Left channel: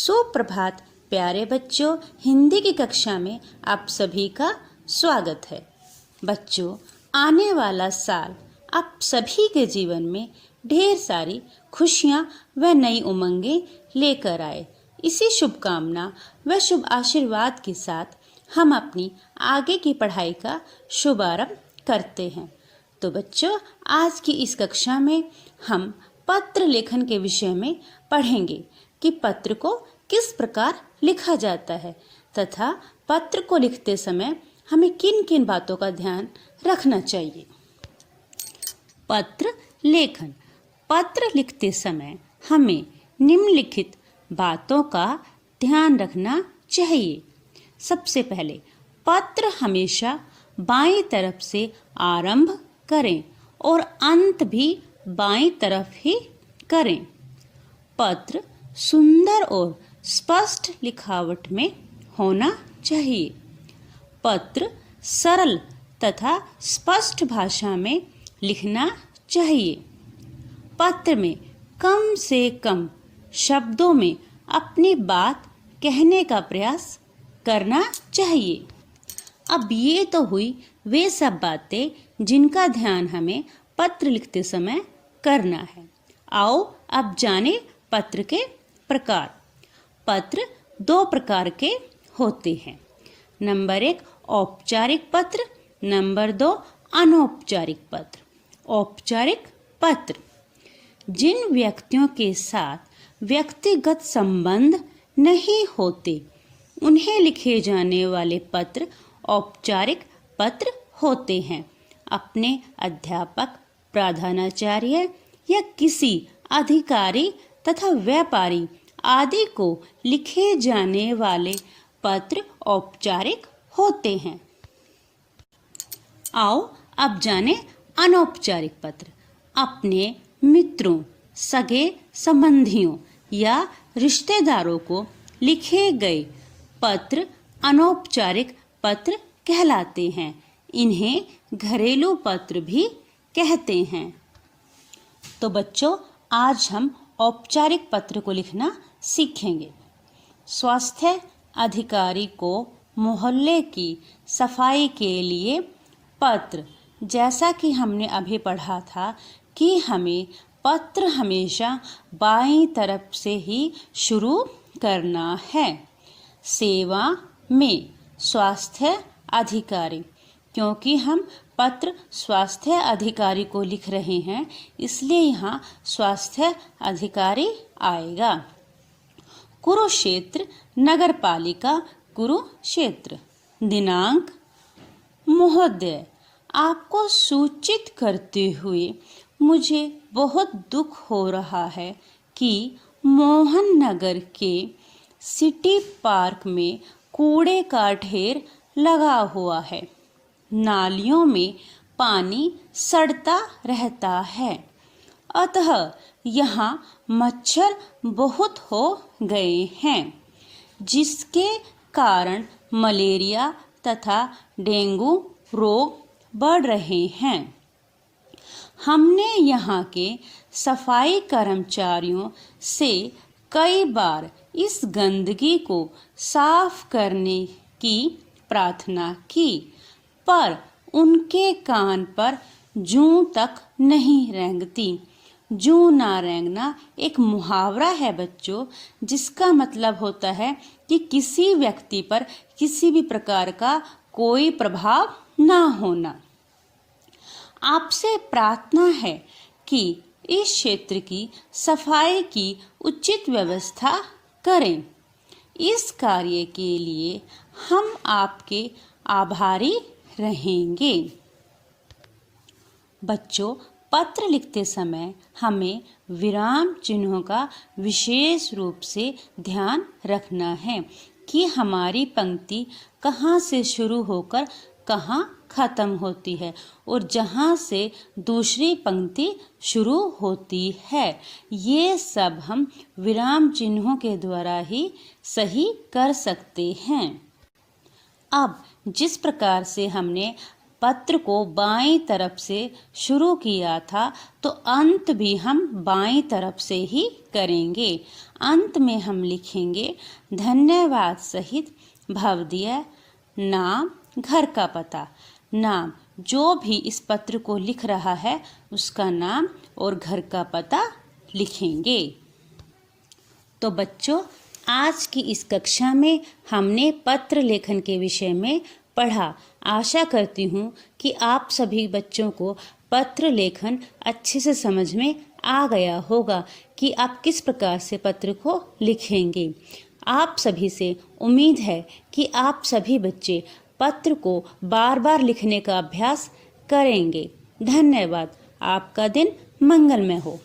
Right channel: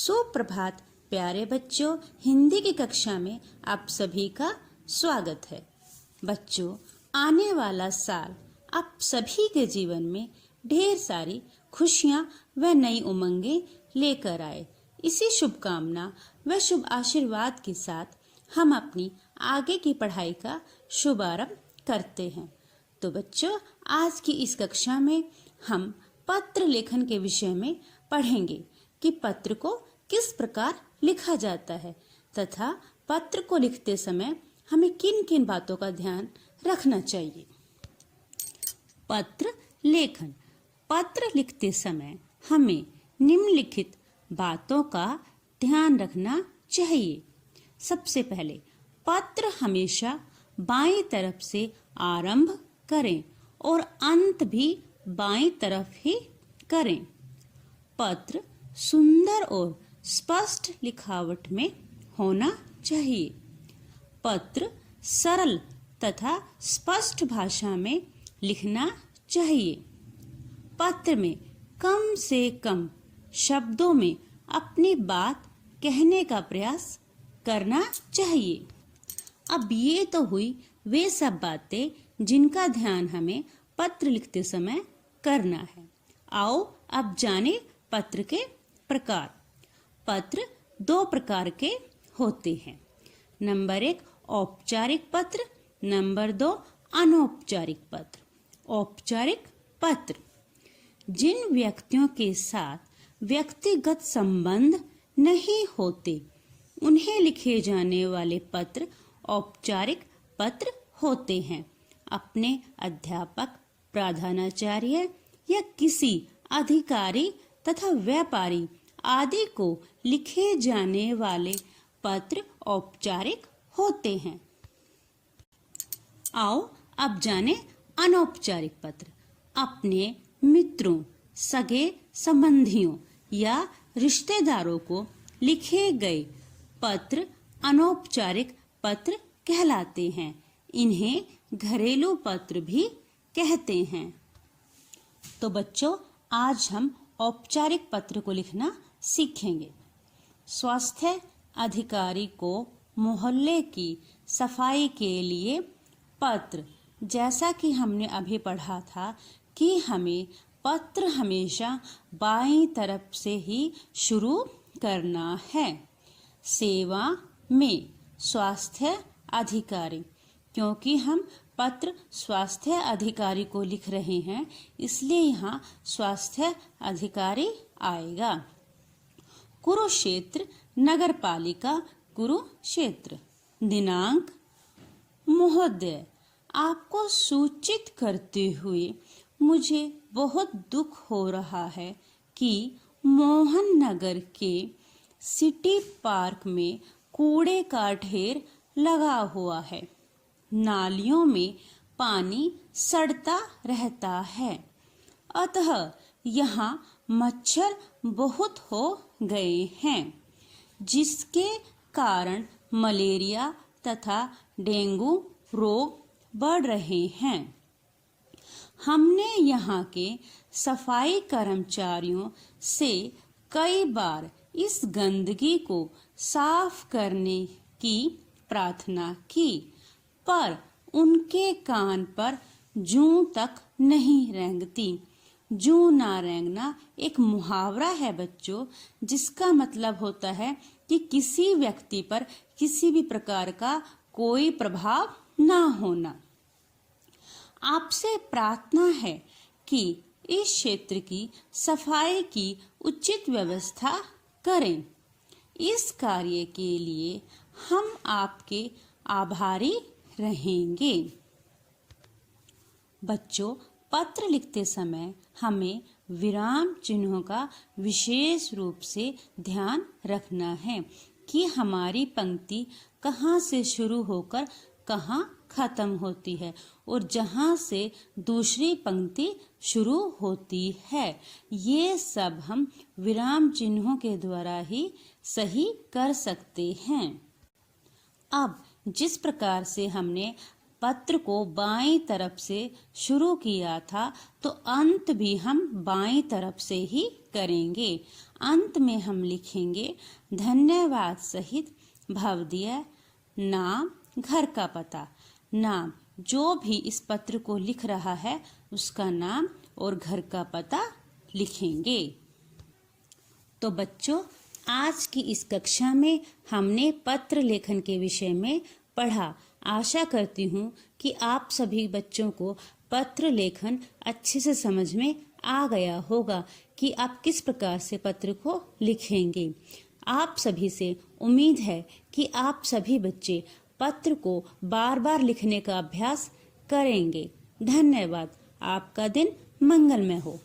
सुप्रभात प्यारे बच्चों, हिंदी की कक्षा में आप सभी का स्वागत है। बच्चों, आने वाला साल आप सभी के जीवन में ढेर सारी खुशियां व नई उमंगें लेकर आए। इसी शुभकामना व शुभ आशीर्वाद के साथ हम अपनी आगे की पढ़ाई का शुभारंभ करते हैं। तो बच्चों, आज की इस कक्षा में हम पत्र लेखन के विषय में पढ़ेंगे कि पत्र को किस प्रकार लिखा जाता है तथा पत्र को लिखते समय हमें किन किन बातों का ध्यान रखना चाहिए। पत्र लेखन। पत्र लिखते समय हमें निम्नलिखित बातों का ध्यान रखना चाहिए। सबसे पहले, पत्र हमेशा बाईं तरफ से आरंभ करें और अंत भी बाईं तरफ ही करें। पत्र सुंदर और स्पष्ट लिखावट में होना चाहिए। पत्र सरल तथा स्पष्ट भाषा में लिखना चाहिए। पत्र में कम से कम शब्दों में अपनी बात कहने का प्रयास करना चाहिए। अब ये तो हुई वे सब बातें जिनका ध्यान हमें पत्र लिखते समय करना है। आओ अब जाने पत्र के प्रकार। पत्र दो प्रकार के होते हैं। नंबर 1 औपचारिक पत्र, नंबर 2 अनौपचारिक पत्र। औपचारिक पत्र जिन व्यक्तियों के साथ व्यक्तिगत संबंध नहीं होते उन्हें लिखे जाने वाले पत्र औपचारिक पत्र होते हैं। अपने अध्यापक, प्रधानाचार्य या किसी अधिकारी तथा व्यापारी आदि को लिखे जाने वाले पत्र औपचारिक होते हैं। आओ अब जाने अनौपचारिक पत्र। अपने मित्रों, सगे संबंधियों या रिश्तेदारों को लिखे गए पत्र अनौपचारिक पत्र कहलाते हैं। इन्हें घरेलू पत्र भी कहते हैं। तो बच्चों, आज हम औपचारिक पत्र को लिखना सीखेंगे। स्वास्थ्य अधिकारी को मोहल्ले की सफाई के लिए पत्र। जैसा कि हमने अभी पढ़ा था कि हमें पत्र हमेशा बाईं तरफ से ही शुरू करना है। सेवा में स्वास्थ्य अधिकारी, क्योंकि हम पत्र स्वास्थ्य अधिकारी को लिख रहे हैं इसलिए यहाँ स्वास्थ्य अधिकारी आएगा। कुरुक्षेत्र नगर पालिका कुरुक्षेत्र। दिनांक, महोदय, आपको सूचित करते हुए मुझे बहुत दुख हो रहा है कि मोहन नगर के सिटी पार्क में कूड़े का ढेर लगा हुआ है। नालियों में पानी सड़ता रहता है, अतः यहाँ मच्छर बहुत हो गए हैं, जिसके कारण मलेरिया तथा डेंगू रोग बढ़ रहे हैं। हमने यहाँ के सफाई कर्मचारियों से कई बार इस गंदगी को साफ करने की प्रार्थना की, पर उनके कान पर जूं तक नहीं रेंगती। जूं ना रेंगना एक मुहावरा है बच्चों, जिसका मतलब होता है कि किसी व्यक्ति पर किसी भी प्रकार का कोई प्रभाव ना होना। आपसे प्रार्थना है कि इस क्षेत्र की सफाई की उचित व्यवस्था करें। इस कार्य के लिए हम आपके आभारी रहेंगे। बच्चों, पत्र लिखते समय हमें विराम चिन्हों का विशेष रूप से ध्यान रखना है कि हमारी पंक्ति कहाँ से शुरू होकर कहाँ खत्म होती है और जहाँ से दूसरी पंक्ति शुरू होती है। ये सब हम विराम चिन्हों के द्वारा ही सही कर सकते हैं। अब जिस प्रकार से हमने पत्र को बाईं तरफ से शुरू किया था तो अंत भी हम बाईं तरफ से ही करेंगे। अंत में हम लिखेंगे धन्यवाद सहित भवदीय नाम, घर का पता। नाम, जो भी इस पत्र को लिख रहा है उसका नाम और घर का पता लिखेंगे। तो बच्चों, आज की इस कक्षा में हमने पत्र लेखन के विषय में पढ़ा। आशा करती हूँ कि आप सभी बच्चों को पत्र लेखन अच्छे से समझ में आ गया होगा कि आप किस प्रकार से पत्र को लिखेंगे। आप सभी से उम्मीद है कि आप सभी बच्चे पत्र को बार बार लिखने का अभ्यास करेंगे। धन्यवाद। आपका दिन मंगलमय हो।